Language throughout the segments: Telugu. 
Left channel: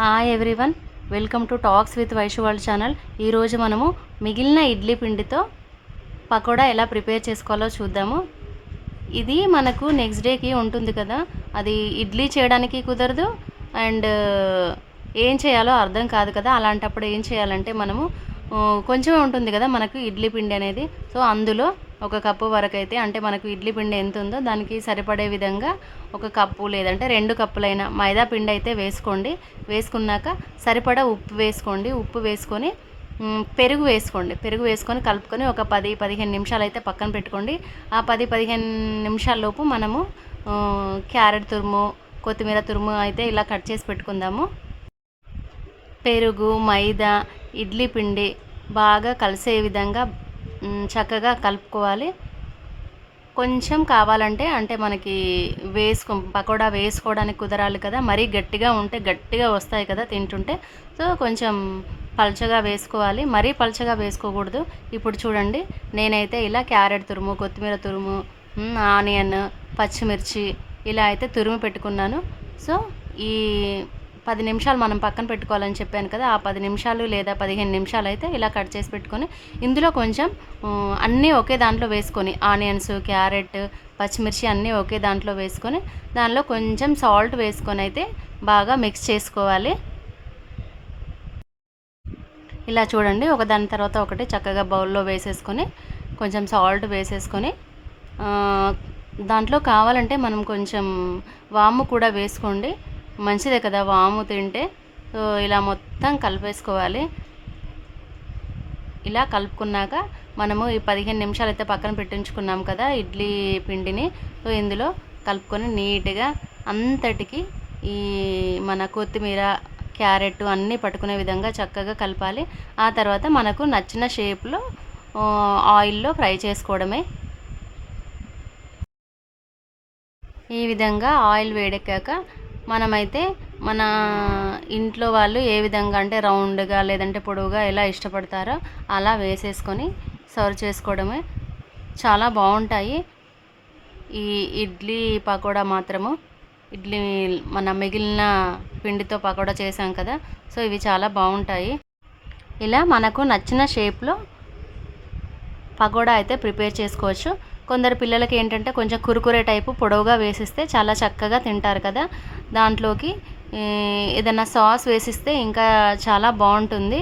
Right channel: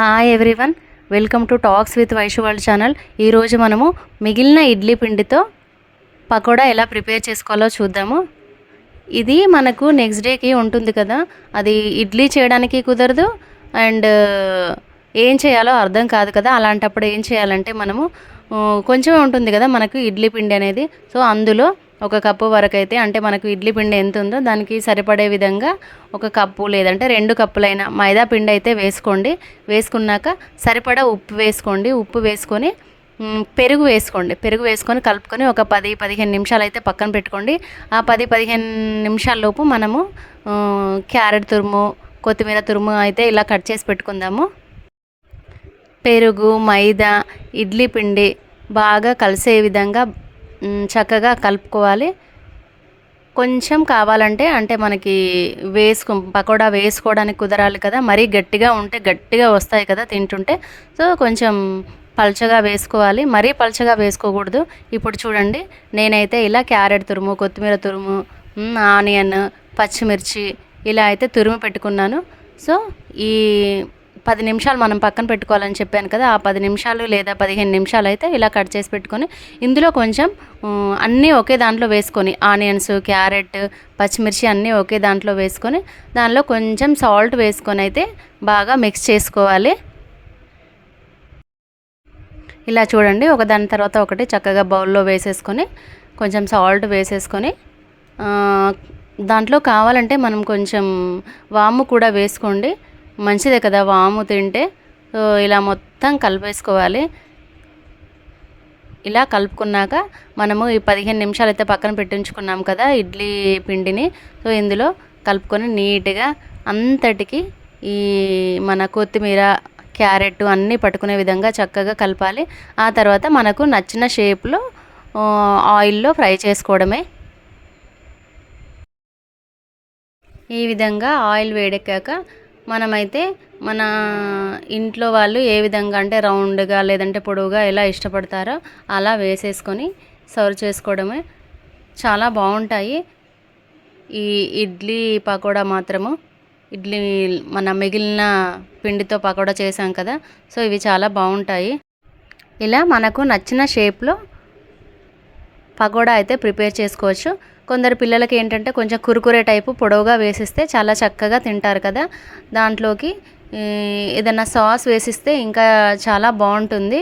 Hi everyone, welcome to talks with Vaishu world channel. ఈరోజు మనము మిగిలిన ఇడ్లీ పిండితో పకోడా ఎలా ప్రిపేర్ చేసుకోవాలో చూద్దాము. ఇది మనకు నెక్స్ట్ డేకి ఉంటుంది కదా, అది ఇడ్లీ చేయడానికి కుదరదు అండ్ ఏం చేయాలో అర్థం కాదు కదా. అలాంటప్పుడు ఏం చేయాలంటే మనము కొంచెం ఉంటుంది కదా మనకు ఇడ్లీ పిండి అనేది, సో అందులో ఒక కప్పు వరకు అయితే, అంటే మనకు ఇడ్లీ పిండి ఎంత ఉందో దానికి సరిపడే విధంగా ఒక కప్పు లేదంటే 2 కప్పులైన మైదా పిండి అయితే వేసుకోండి. వేసుకున్నాక సరిపడా ఉప్పు వేసుకోండి. ఉప్పు వేసుకొని పెరుగు వేసుకోండి. పెరుగు వేసుకొని కలుపుకొని ఒక 10-15 నిమిషాలు అయితే పక్కన పెట్టుకోండి. ఆ 10-15 నిమిషాల లోపు మనము క్యారెట్ తురుము, కొత్తిమీర తురుము అయితే ఇలా కట్ చేసి పెట్టుకుందాము. పెరుగు, మైదా, ఇడ్లీ పిండి బాగా కలిసే విధంగా చక్కగా కలుపుకోవాలి. కొంచెం కావాలంటే అంటే మనకి పకోడా వేసుకోవడానికి కుదరాలి కదా, మరీ గట్టిగా ఉంటే గట్టిగా వస్తాయి కదా తింటుంటే, సో కొంచెం పల్చగా వేసుకోవాలి, మరీ పల్చగా వేసుకోకూడదు. ఇప్పుడు చూడండి, నేనైతే ఇలా క్యారెట్ తురుము, కొత్తిమీర తురుము, ఆనియన్, పచ్చిమిర్చి ఇలా అయితే తురుము పెట్టుకున్నాను. సో ఈ 10 నిమిషాలు మనం పక్కన పెట్టుకోవాలని చెప్పాను కదా, ఆ 10 నిమిషాలు లేదా 15 నిమిషాలు అయితే ఇలా కట్ చేసి పెట్టుకొని ఇందులో కొంచెం అన్నీ ఒకే దాంట్లో వేసుకొని, ఆనియన్స్, క్యారెట్, పచ్చిమిర్చి అన్నీ ఒకే దాంట్లో వేసుకొని దానిలో కొంచెం సాల్ట్ వేసుకొని అయితే బాగా మిక్స్ చేసుకోవాలి. ఇలా చూడండి, ఒక దాని తర్వాత ఒకటి చక్కగా బౌల్లో వేసేసుకొని కొంచెం సాల్ట్ వేసేసుకొని దాంట్లో కావాలంటే మనం కొంచెం వాము కూడా వేసుకోండి, మంచిదే కదా వాము తింటే. సో ఇలా మొత్తం కలిపేసుకోవాలి. ఇలా కలుపుకున్నాక మనము ఈ 15 నిమిషాలు అయితే పక్కన పెట్టించుకున్నాం కదా ఇడ్లీ పిండిని, సో ఇందులో కలుపుకొని నీట్గా అంతటికి ఈ మన కొత్తిమీర, క్యారెట్ అన్నీ పట్టుకునే విధంగా చక్కగా కలపాలి. ఆ తర్వాత మనకు నచ్చిన షేప్లో ఆయిల్లో ఫ్రై చేసుకోవడమే. ఈ విధంగా ఆయిల్ వేడెక్కాక మనమైతే మన ఇంట్లో వాళ్ళు ఏ విధంగా అంటే రౌండ్గా లేదంటే పొడవుగా ఎలా ఇష్టపడతారో అలా వేసేసుకొని సర్వ్ చేసుకోవడమే. చాలా బాగుంటాయి ఈ ఇడ్లీ పకోడా మాత్రము. ఇడ్లీ మన మిగిలిన పిండితో పకోడా చేసాం కదా, సో ఇవి చాలా బాగుంటాయి. ఇలా మనకు నచ్చిన షేప్లో పకోడా అయితే ప్రిపేర్ చేసుకోవచ్చు. కొందరు పిల్లలకి ఏంటంటే కొంచెం కురుకురే టైపు పొడవుగా వేసిస్తే చాలా చక్కగా తింటారు కదా, దాంట్లోకి ఏదైనా సాస్ వేసిస్తే ఇంకా చాలా బాగుంటుంది.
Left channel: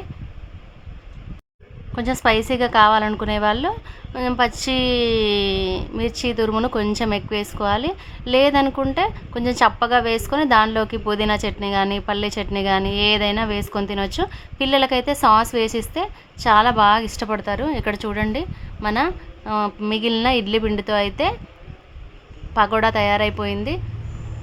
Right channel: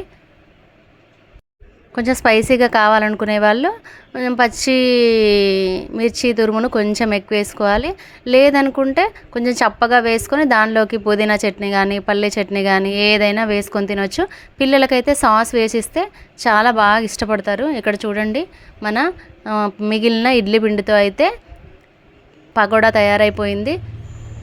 కొంచెం స్పైసీగా కావాలనుకునే వాళ్ళు కొంచెం పచ్చి మిర్చి తురుమును కొంచెం ఎక్కువ వేసుకోవాలి. లేదనుకుంటే కొంచెం చప్పగా వేసుకొని దానిలోకి పుదీనా చట్నీ కానీ, పల్లీ చట్నీ కానీ ఏదైనా వేసుకొని తినొచ్చు. పిల్లలకైతే సాస్ వేసిస్తే చాలా బాగా ఇష్టపడతారు. ఇక్కడ చూడండి, మన మిగిలిన ఇడ్లీ పిండితో అయితే పకోడా తయారైపోయింది.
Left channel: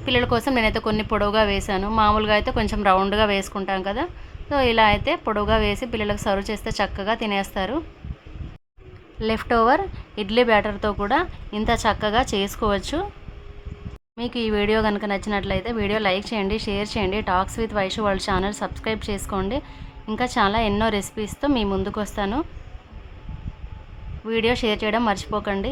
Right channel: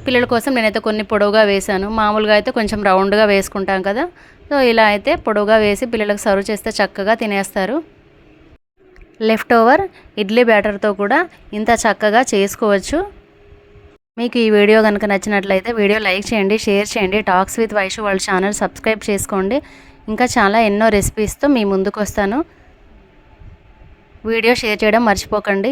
పిల్లల కోసం నేనైతే కొన్ని పొడవుగా వేశాను, మామూలుగా అయితే కొంచెం రౌండ్గా వేసుకుంటాం కదా, సో ఇలా అయితే పొడవుగా వేసి పిల్లలకు సర్వ్ చేస్తే చక్కగా తినేస్తారు. లెఫ్ట్ ఓవర్ ఇడ్లీ బ్యాటర్తో కూడా ఇంత చక్కగా చేసుకోవచ్చు. మీకు ఈ వీడియో కనుక నచ్చినట్లయితే వీడియో లైక్ చేయండి, షేర్ చేయండి. Talks with Vaishu world channel subscribe చేసుకోండి. ఇంకా చాలా ఎన్నో రెసిపీస్తో మీ ముందుకు వస్తాను. వీడియో షేర్ చేయడం మర్చిపోకండి.